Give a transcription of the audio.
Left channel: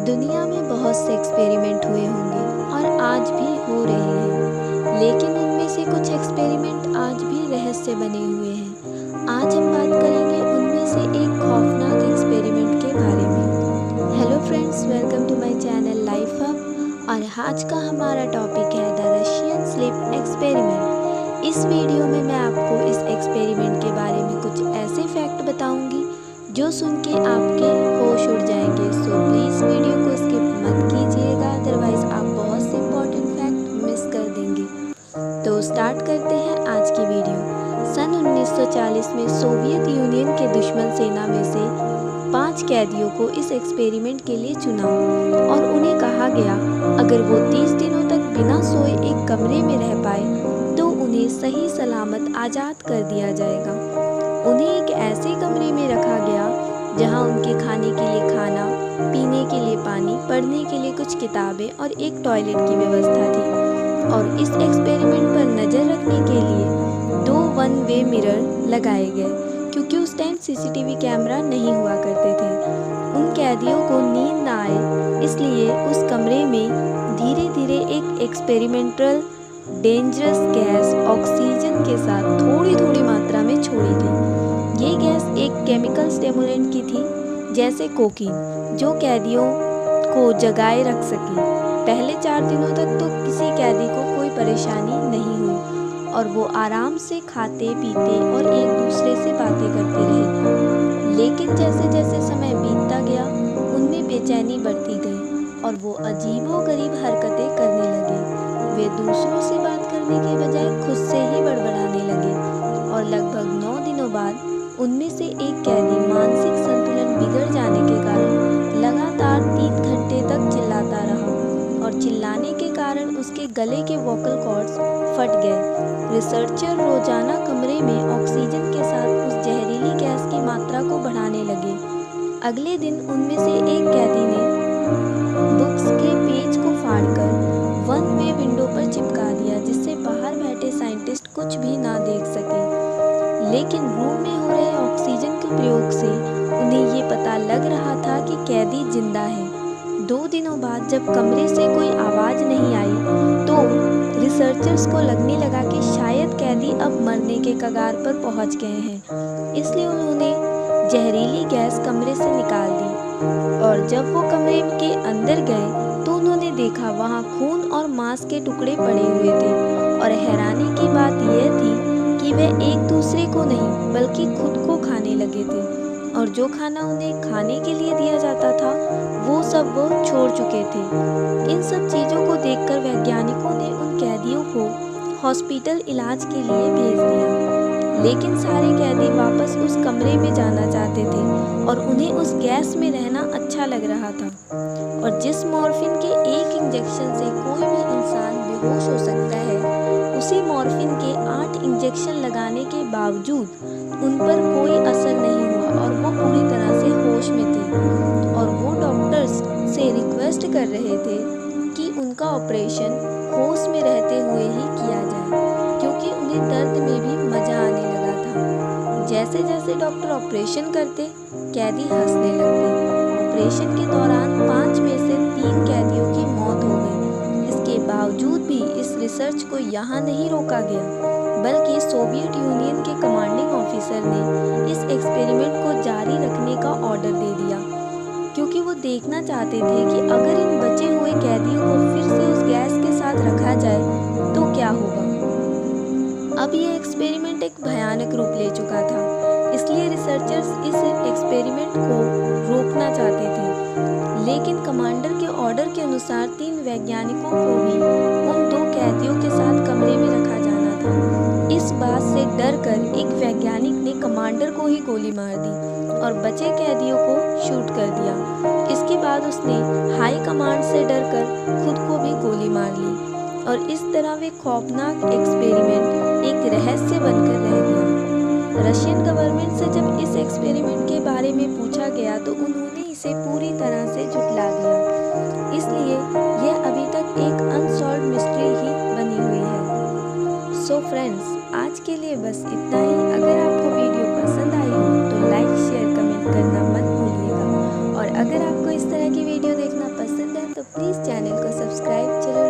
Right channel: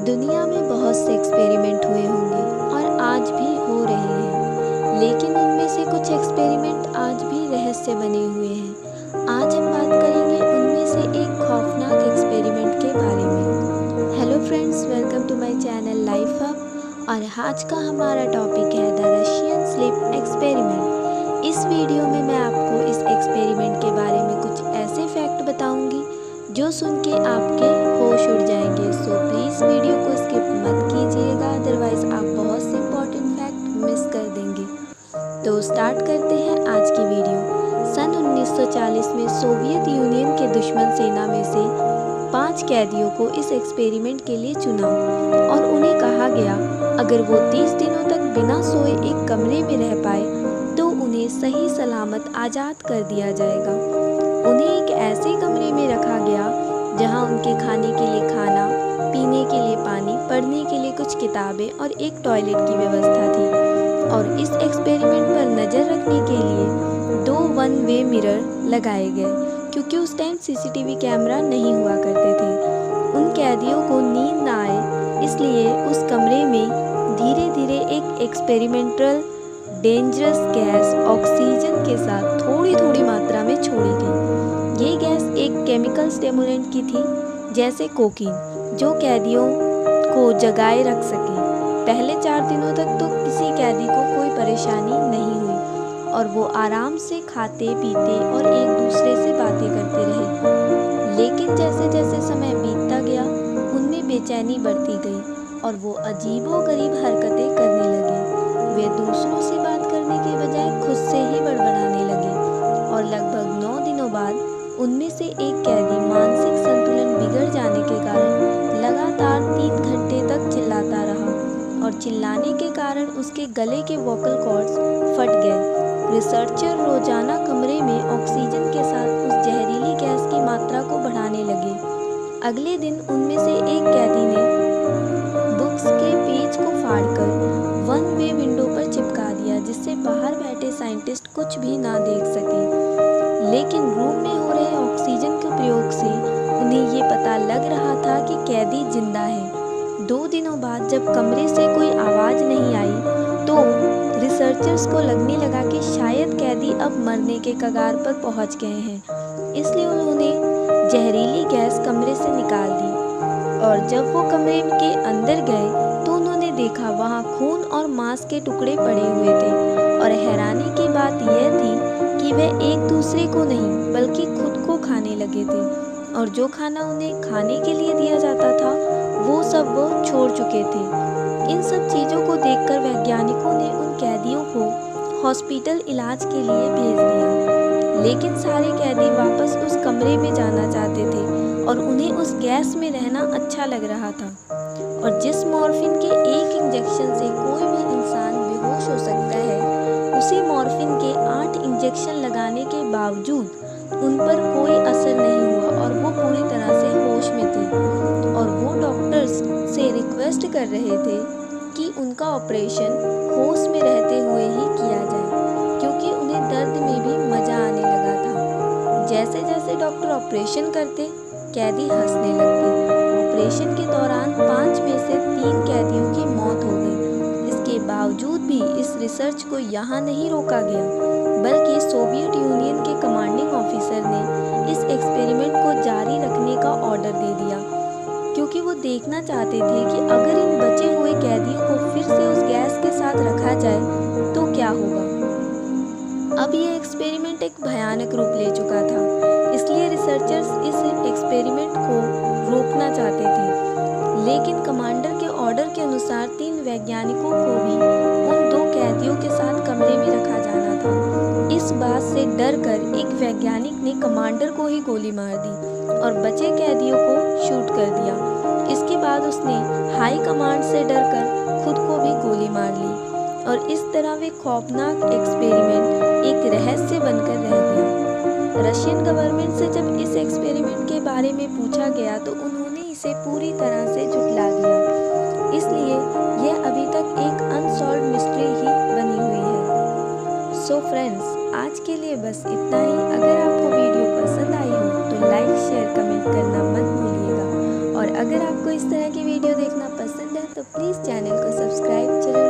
दुनिया में बहुत से एक्सपेरिमेंट हुए होंगे और आज भी हो रहे हैं, लेकिन उनमें से कुछ एक्सपेरिमेंट आज भी रहस्य बने हुए हैं। आज हम बात करेंगे उनमें से एक खौफनाक एक्सपेरिमेंट के बारे में। Hello friends, welcome to my channel life hub और आज का हमारा टॉपिक है द रशियन स्लीप एक्सपेरिमेंट। इस वीडियो में मैं आपको इस एक्सपेरिमेंट के बारे में कुछ ऐसे फैक्ट बताऊंगी जो सुन के आपके होश उड़ जाएंगे। सो प्लीज़ वीडियो को स्किप मत कीजिएगा, अदरवाइज़ आप बहुत से इंपॉर्टेंट फैक्ट मिस कर देंगे। तो स्टार्ट करते हैं आज की वीडियो। सन 1940 में सोवियत यूनियन के दुश्मन सेना में से 5 कैदियों को इस एक्सपेरिमेंट के लिए चुना और उन्हें कहा गया अगर वो 30 दिनों तक बिना सोए एक कमरे में रह पाए तो उन्हें सही सलामत आज़ाद कर दिया जाएगा। उन्हें एक ऐसे कमरे में रखा गया जहां उनके खाने के लिए खाना, पीने के लिए पानी, पढ़ने के लिए कुछ किताबें और एक टॉयलेट की व्यवस्था थी। और इस एक्सपेरिमेंट पर नज़र रखने के लिए 2 वन वे मिरर लगाए गए, क्योंकि उस टाइम सीसीटीवी कैमरा नहीं हुआ करते थे। उन कैदियों को नींद ना आए इसलिए उस कमरे में धीरे धीरे एक एक्सपेरिमेंटल डेंजरस गैस ऑक्सीजन के साथ थोड़ी थोड़ी मात्रा में छोड़ी गई। ये गैस एक केमिकल स्टिमुलेंट की थी, जैसे कोकीन, जो कैदियों को जगाए रख सके। पहले 4 दिनों तक तो किसी कैदी को कोई परेशानी नहीं हुई और वो आराम से खाते पीते और एक दूसरे से बातें करते रहे। लेकिन जैसे जैसे समय बीतता गया उनमें बेचैनी बढ़ती गई और वो अजीबोगरीब हरकतें करने लगे। वे दूसरों से बात करने के बजाय खुद से ही बड़बड़ाने लगे और लगभग 9 दिनों बाद उनमें से एक कैदी मानसिक संतुलन बिगड़ जाने के कारण लगातार 3 घंटे तक चिल्लाता रहा और चिल्लाने के कारण उसके गले के वोकल कॉर्ड्स फट गए। रिसर्चर रोजाना कमरे में ऑक्सीजन के साथ उस जहरीली गैस की मात्रा को बढ़ाने लगे। अगले दिन उनमें से एक कैदी ने बुक्स के पेज को फाड़कर वन वे विंडो पर चिपका दिया, जिससे बाहर बैठे साइंटिस्ट कुछ भी ना देख सके। लेकिन रूम में हो रहे ऑक्सीजन के प्रयोग से उन्हें ये पता लग रहा था कि कैदी जिंदा है। 2 दिनों बाद जब कमरे से कोई आवाज़ नहीं आई तो रिसर्चर्स को लगने लगा कि शायद कैदी अब मरने के कगार पर पहुंच गए हैं, इसलिए उन्होंने जहरीली गैस कमरे से निकाल दी। और जब वो कमरे के अंदर गए तो उन्होंने देखा वहाँ खून और मांस के टुकड़े पड़े हुए थे और हैरानी की बात यह थी कि वे एक दूसरे को नहीं बल्कि खुद को खाने लगे थे और जो खाना उन्हें खाने के लिए दिया जाता था वो सब वो छोड़ चुके थे। इन सब चीज़ों को देखकर वैज्ञानिकों ने उन कैदियों को हॉस्पिटल इलाज के लिए भेज दिया। लेकिन सारे कैदी वापस उस कमरे में जाना चाहते थे और उन्हें उस गैस में रहना अच्छा लग रहा था। और जिस मॉर्फिन के एक इंजेक्शन से कोई भी इंसान बेहोश हो सकता है, उसी मॉर्फिन के 8 इंजेक्शन लगाने के बावजूद उन पर कोई असर नहीं हुआ और वो पूरी तरह से होश में थे। और वो डॉक्टर्स से रिक्वेस्ट कर रहे थे कि उनका ऑपरेशन होश में रहते हुए ही किया जाए, क्योंकि उन्हें दर्द में भी मज़ा आने लगा था। जैसे जैसे डॉक्टर ऑपरेशन करते, कैदी हंसने लगते। ऑपरेशन के दौरान 5 में से 3 कैदियों की मौत हो गई। इसके बावजूद भी इस रिसर्च को यहाँ नहीं रोका गया, बल्कि सोवियत यूनियन के कमांडिंग ऑफिसर ने इस एक्सपेरिमेंट को जारी रखने का ऑर्डर दे दिया, क्योंकि वो देखना चाहते थे कि अगर इन बचे हुए कैदियों को फिर से उस गैस के साथ रखा जाए तो क्या होगा। अब ये एक्सपेरिमेंट एक भयानक रूप ले चुका था, इसलिए रिसर्चर्स इस एक्सपेरिमेंट को रोकना चाहते थे। लेकिन कमांडर के ऑर्डर के अनुसार 3 वैज्ञानिकों को भी उन 2 कैदियों के साथ कमरे में रखा जाना था। इस बात से डरकर एक वैज्ञानिक ने कमांडर को ही गोली मार दी और बचे कैदियों को शूट कर दिया। इसके बाद उसने हाई कमांड से डरकर खुद को भी गोली मार ली और इस तरह वे खौफनाक एक्सपेरिमेंट एक रहस्य बनकर रह गया। रशियन गवर्नमेंट से जब इस एक्सपेरिमेंट के बारे में पूछा गया तो उन्होंने इसे पूरी तरह से झुठला दिया, इसलिए यह अभी तक एक अनसॉल्व्ड मिस्ट्री ही बनी हुई है। सो फ्रेंड्स, आज के लिए बस इतना ही। अगर आपको वीडियो पसंद आई हो तो लाइक, शेयर, कमेंट करना मत भूलिएगा और अगर आपको इस तरह की वीडियो देखना पसंद है तो प्लीज़ चैनल को सब्सक्राइब जरूर